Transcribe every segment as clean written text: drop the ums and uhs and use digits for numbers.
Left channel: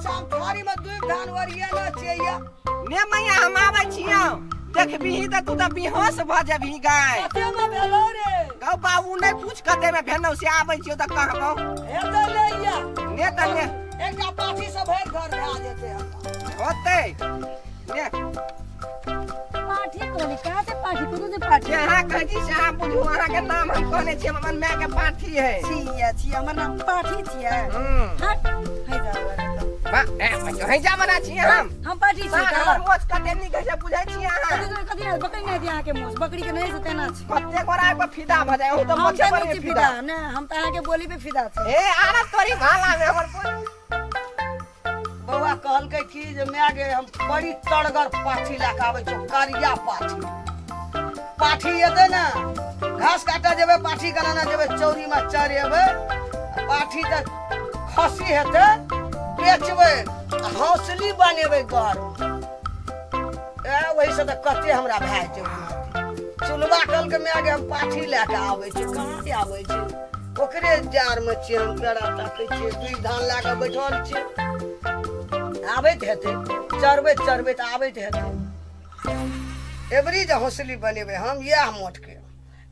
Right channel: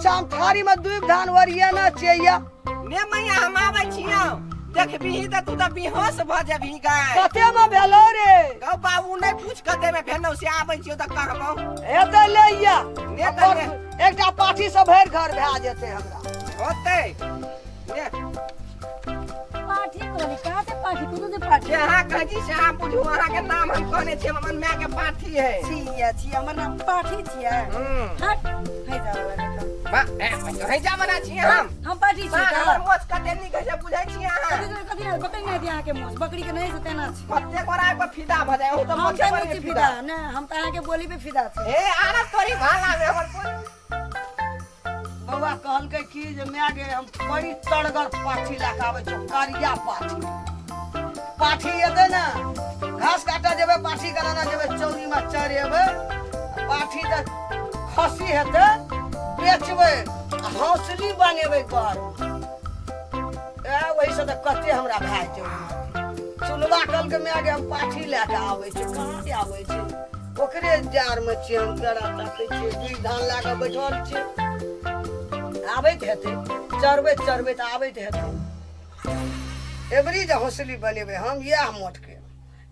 अच्छा हम थारी में दूब धान वरिया ना चाहिए ने मैया हम आबै छियो देखबी त तू त बेहोश भ जेबही गाय कते में भेलो रे गौ बाबू नहीं पूछ कते में भेनौ से आबै छियो त कहबौ हेतै लैया ने त ने एकटा पाठी से भर घर भा जेते हमरा होतै ने पाठी कोनी काते पाठी कोनो जे पाठी यहाँ कही से हम बुझू अहाँ के नाम हम कहने छियै हमर माय के पाठी है छी हमर नाम पाठी छियै हट है जावला तो बा ए है जा बना छियै हम पाठी छी हमर मोच कते नी कहे बुझै छियै अहाँ कथि ना बकरी नै दिया के मोस बकरी के नै से तेना छी कते कोरा पर फिदा भ जाय त हम मोचे पर पे फिदा फिदा ने हम त अहाँ के बोली पे फिदा छी ए आरा तोरी भाला में हमर बउआ कहलकै कि जे मैं गे हम बड़ी तड़गर पाठी लेके आबै छौ करिया पाठी एते ना घास काटा जेबे पाठी कराना जेबे चौरी में चरेबे पाठी त खसी हेते बेचबे हौसली बनेबे घर ए वही से त कते हमरा भाई छै सुनबा कहलकै मैं गे हम पाठी लेके आबै छी कहां से आबै छी ओकरे जार में छी हम केरा ताकै छी दुई धान लेके बैठल छी आबैत हेतै चरबैत त आबैत हेतै एबरी जे हौसली बनेबै हम इएह मोट के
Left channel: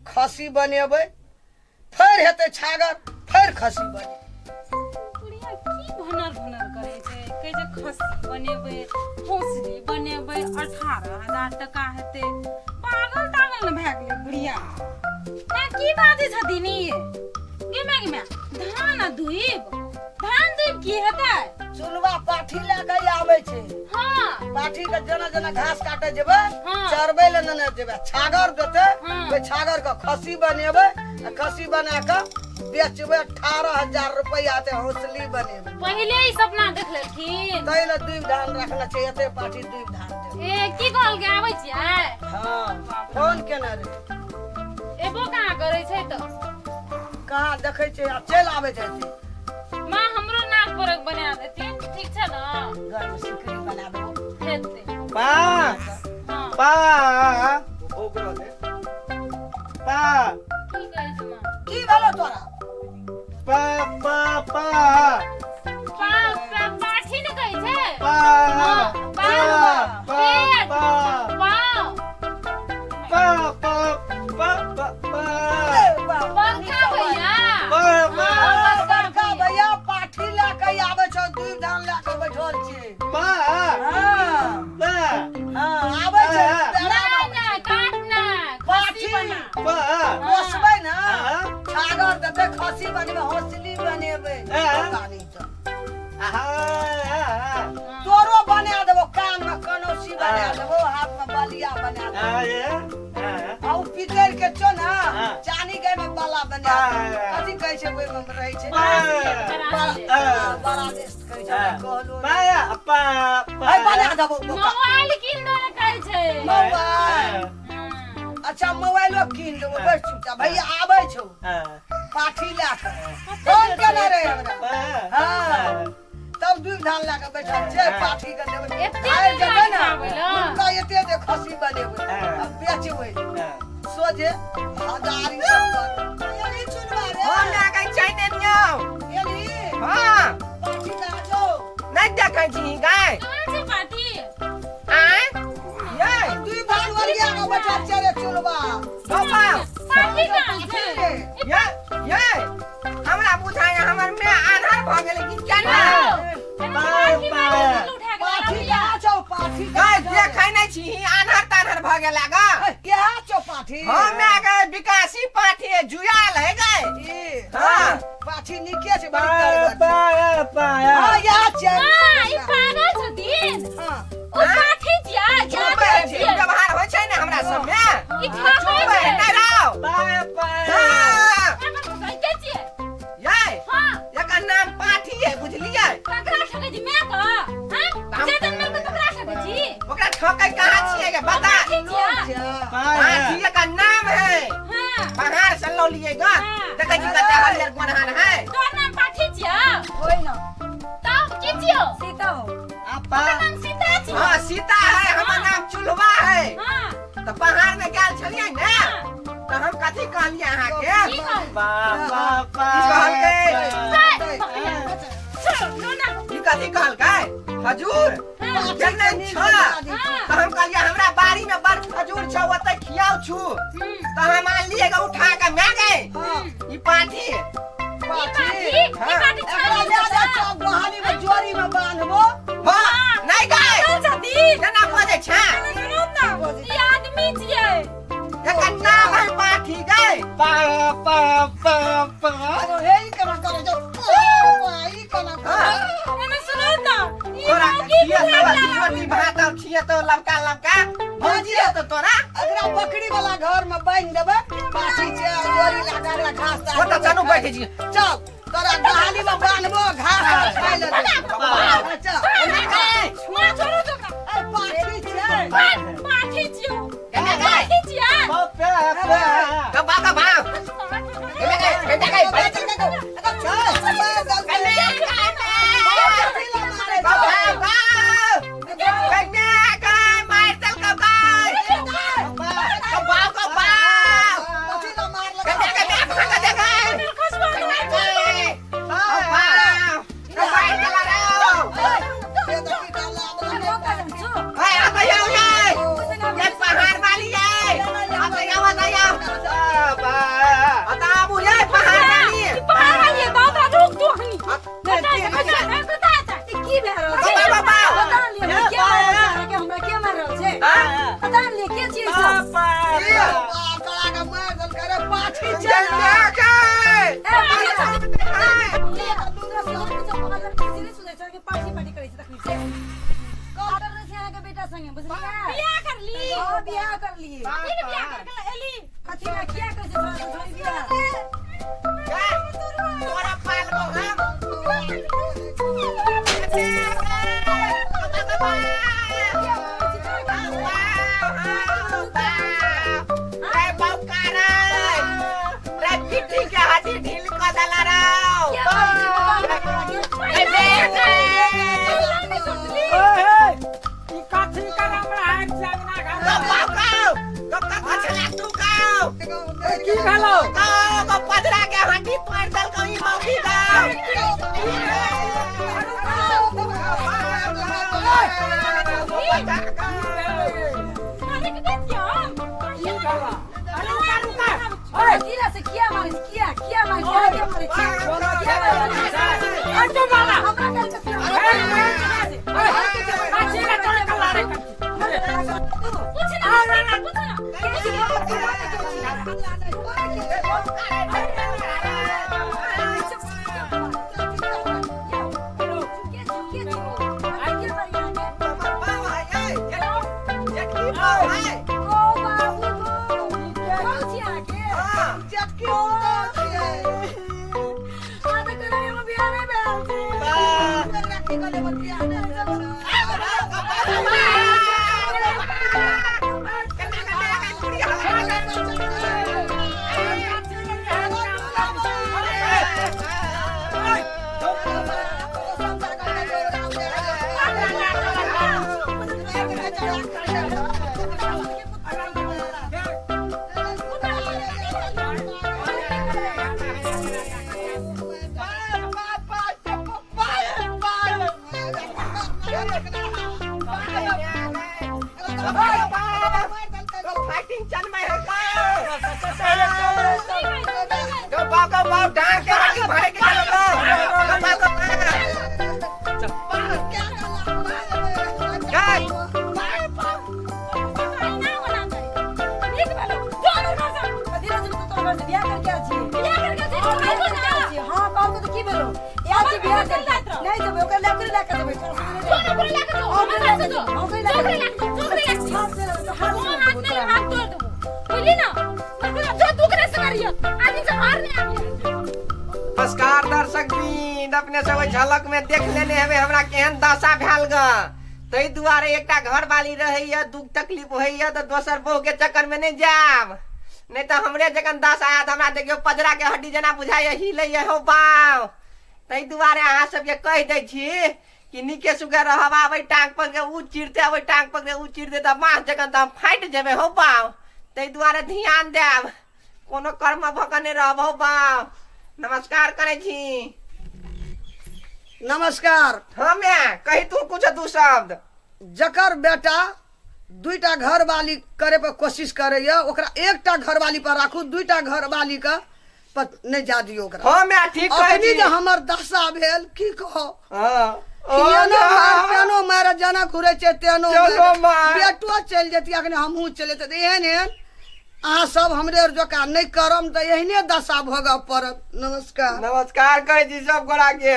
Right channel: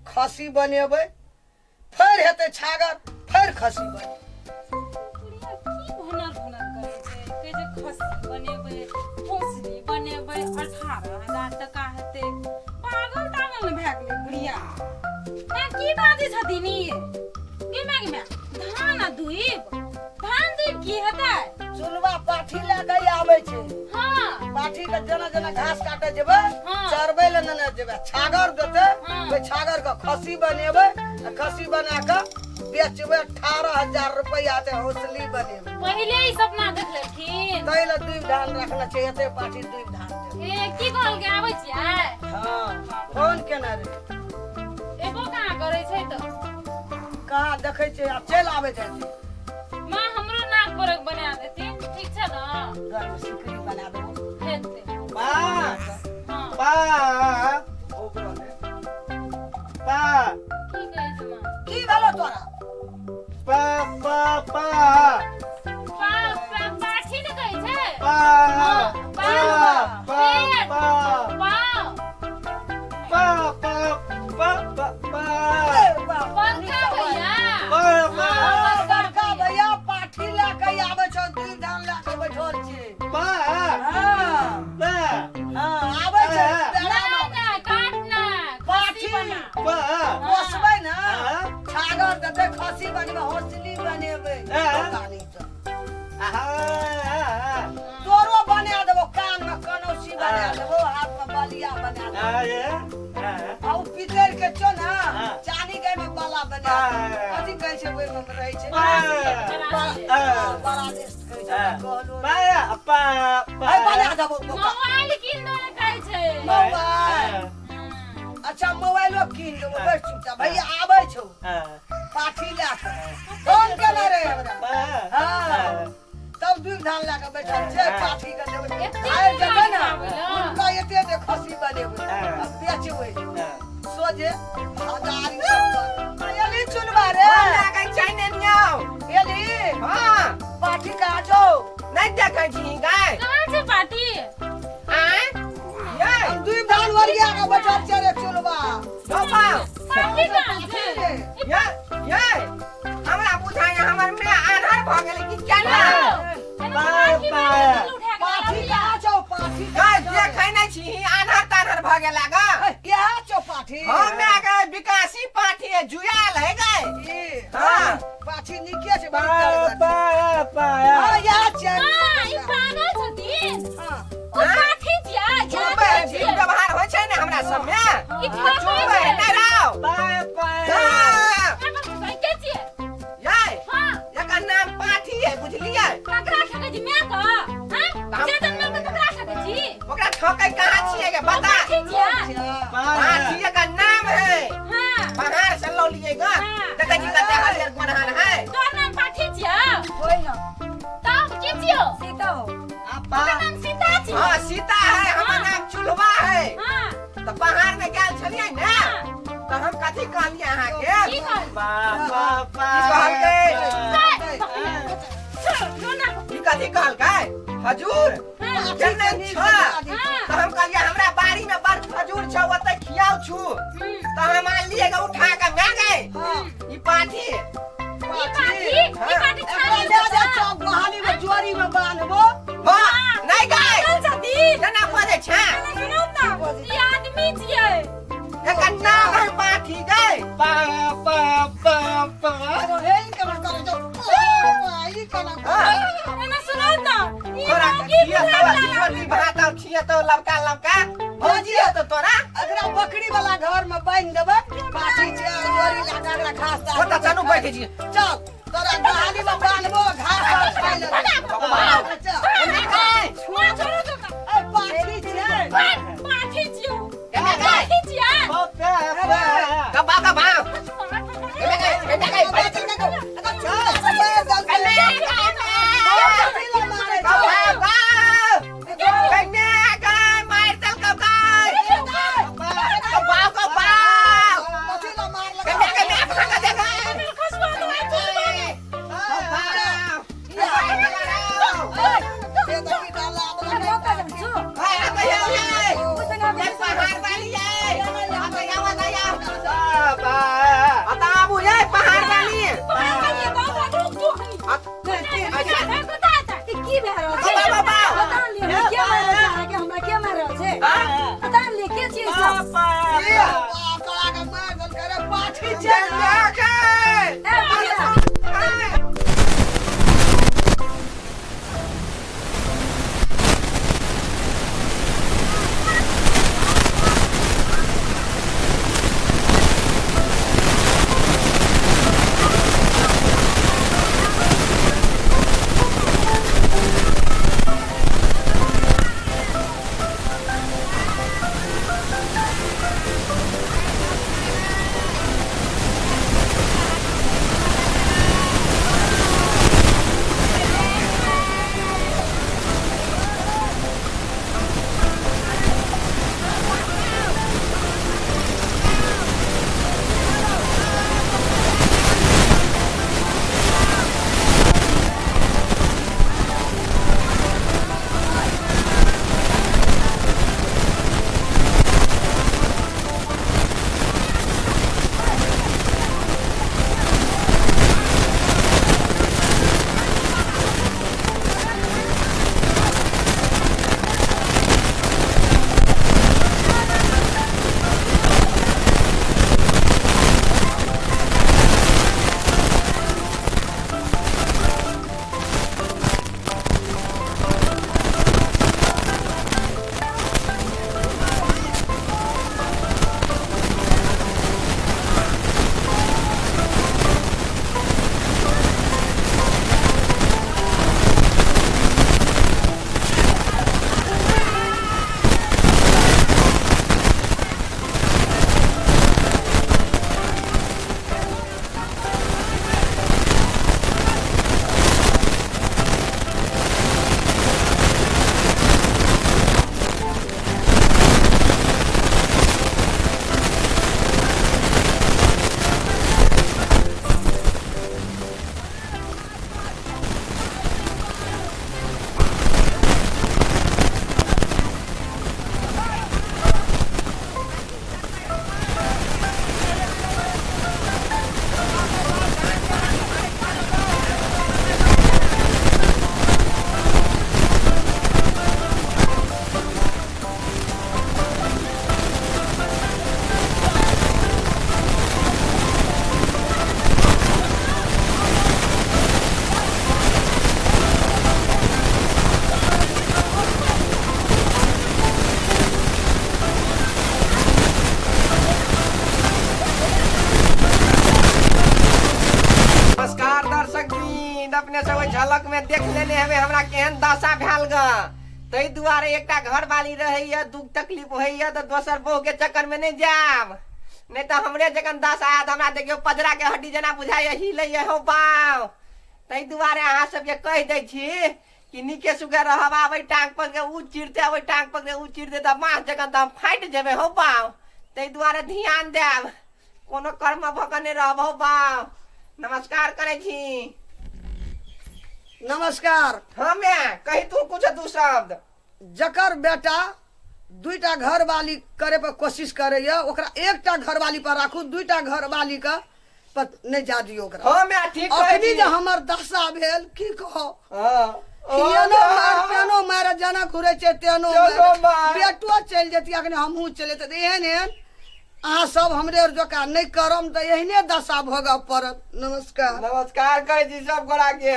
खसी बनेबै फेर हेतै छागर फेर खसी बने बुढ़िया की भनर करे छै कहे जे खसी बनेबै हौसली बनेबै 18,000 टका हेतै पागल तागल न भए गेलै बुढ़िया ना की बाजै छथिन ई गे धान आ दूब की हेतै चुलवा पाठी लेके आबै छै हां पाठी के जना घास काटे जेबै चरबै ले न जेबै छागर देतै ओइ छागर के खसी बनेबै खसी बना के बेचबै 18,000 रुपया ते हौसली बनेबै पहिले ही सपना देख लेलखिन तै ले दूब धान रखना छै एते पाठी दूब धान दे ए की कहल के आबै छियै हां फोन केना रे एबो कहां करे छै त कहां देखै छै आ चल आबैत हेतै मां हमरो नाक परक बना देती ठीक छै ना घर में सिकरी बना देबो हेतै पा हां पा ओकरा दे पा की कहै छै मां की भेलो तोरा पा पा पा पाठी ने कहै छै पा पा पा पा पा पा पा पा पंखा भैया बड़का भैया पाठी लेके आबै छौ दूब धान लेके बैठल छी पा आबै छै ना काटना पाठी पा पोसबै ना छागर देतै खसी बनेबै हौसली बनेबै कानी त तोरो बना देबो कान में कनौसी बना देबो हाथ में बलिया बना देबो आ उ पितर के छो ना चानी के में बाला बना कथि कहै छै ओइ में रहै छै बड़ा देश कहै छै कहलो पाया पा भाई बना देबो मोबाइल किन दे कहै छै मोबाइल अच्छा मोबाइलो कीन देबो बस चुपचाप भैया आबै छौ पाठी लेके फोन केना रे हमरा हां तब दूध धान लेके बैठल छै पाठी के देबै आइ जेबै ना उनका एते दे खसी बनेबै अब बेचबै सोझे हजारी सब एली चुनबा रे फोन लागै छै ने नियो एली हां पाठी का छौ नहीं देखै छी गाय कहां छै पाठी आय ये दूध धान वरिया के बैठल छै रे चुनबा बाबा पाठी कहां छै ये हमरा बुझाय हमर में आधार भ गेलै कि केना पाठी का छौ पाठी गाय देखै नै छी आधार ताधार भ गेला ग के छौ पाठी हम गे विकासी पाठी जुयाल है गाय हां पाठी निके छै बड़ी पाया पाया हां या छै ई पागल छथिन हां ओ पाठी छिया चुपे व्यवहार होइ छै ने हमरा सब में ई खाबै चुपे छै नै रहो पाया पाया के छियै ये हां एकर नाम पाठी है बुझलियै ककरा ठकै छी मैं का हां जे जन्म में ककरा ठकै छी ओकरा ठोकै कहां छियै गे बता पाठी का नाम है हां पहाड़ से लो लिए ग देखै छी कते हरियर गोनहान है तोर नाम पाठी छिया होय ना तब की छियो सीता हो आपा तोर नाम सीता छियो हां सीता है हमर नाम चुलवा है हां तो पहाड़ में गेल छलियै ने तो हम कथि कहलियै अहाँ के की कहल बाबा कहलकै चलो ना ई कथि कहलकै खजूर हाँ। जन्ने छ हाँ। तो हम कहलिए हमरा बाड़ी में बड़ खजूर छ ओते खियाऊ छु तो हम मान लिएगा उठा के मैं गए हाँ। ई पाठी एकरा ले जा चौक बहानी में जोरी में बांधबो हां नहीं गए केना बोले छ आदमी छियै एकर नाम है पाठी गए पा पा पा पा अरे हे ई केना करे जो ई केना करे एना सुनो ना तोरा किया सब रोटी भात और छिए तो लमका लमका भजिया तो तोरा एकरा बकरी वाला घर में बांध देबे पाठी छे जोरी लगा के घास वो तो चनु बैठ जी चल तोरा बहानी में बांधबो घास खाइ ले चल मां छोड़ो तो ए पाठी छे पाठी छियो केना गए पाठी छियै कबा कबा केना गए पाठी छे अपने सब झलक में देख लेने हमें हमरा केहन दशा भेल ग तई दुआरे एकटा घर वाली रहैया दुख तकलीफ होइया तो दोसर बहू के चक्कर में नहीं जाब नहीं तो हमरे जखन दशा आयत हमरा देखियो पजरा के हड्डी जना बुझाइया हिलैया हो पाव तई दुआरे अहाँ सबके कह दै छी कि नीके सुगे रहब आबै टांग पर के उ चिरते आबै टांग पर के उ चिरते त मास जखन त हम फाटि जेबे हो पाव तई दुआरे ध्यान देब कोनो कर्म भकने रहब हो पाव नमस्कार करे छी नमस्कार। हाँ मैं कही तू कुछ दू शब्द। जकर बेटा 2टा घर वाली करे पर कोशिश करे ओकरा 1टा घर वाली पर राखू, 2टा घर वाली का पर नहीं जा दियो ओकरा। हाँ मैं ठीक कह अखनी दी। जे हमर दशा भेल की कहो, हाँ तेनो मार जना घुरे छै, तेनो चलो मार। बेटो चल जेती, अखनी हमहू चले त एहन एहन अहाँ सब हमरे जोका नहीं करम त एहने दशा भोगऽ पड़त। नमस्कार। नमस्कार कहे जी सब गोरा के।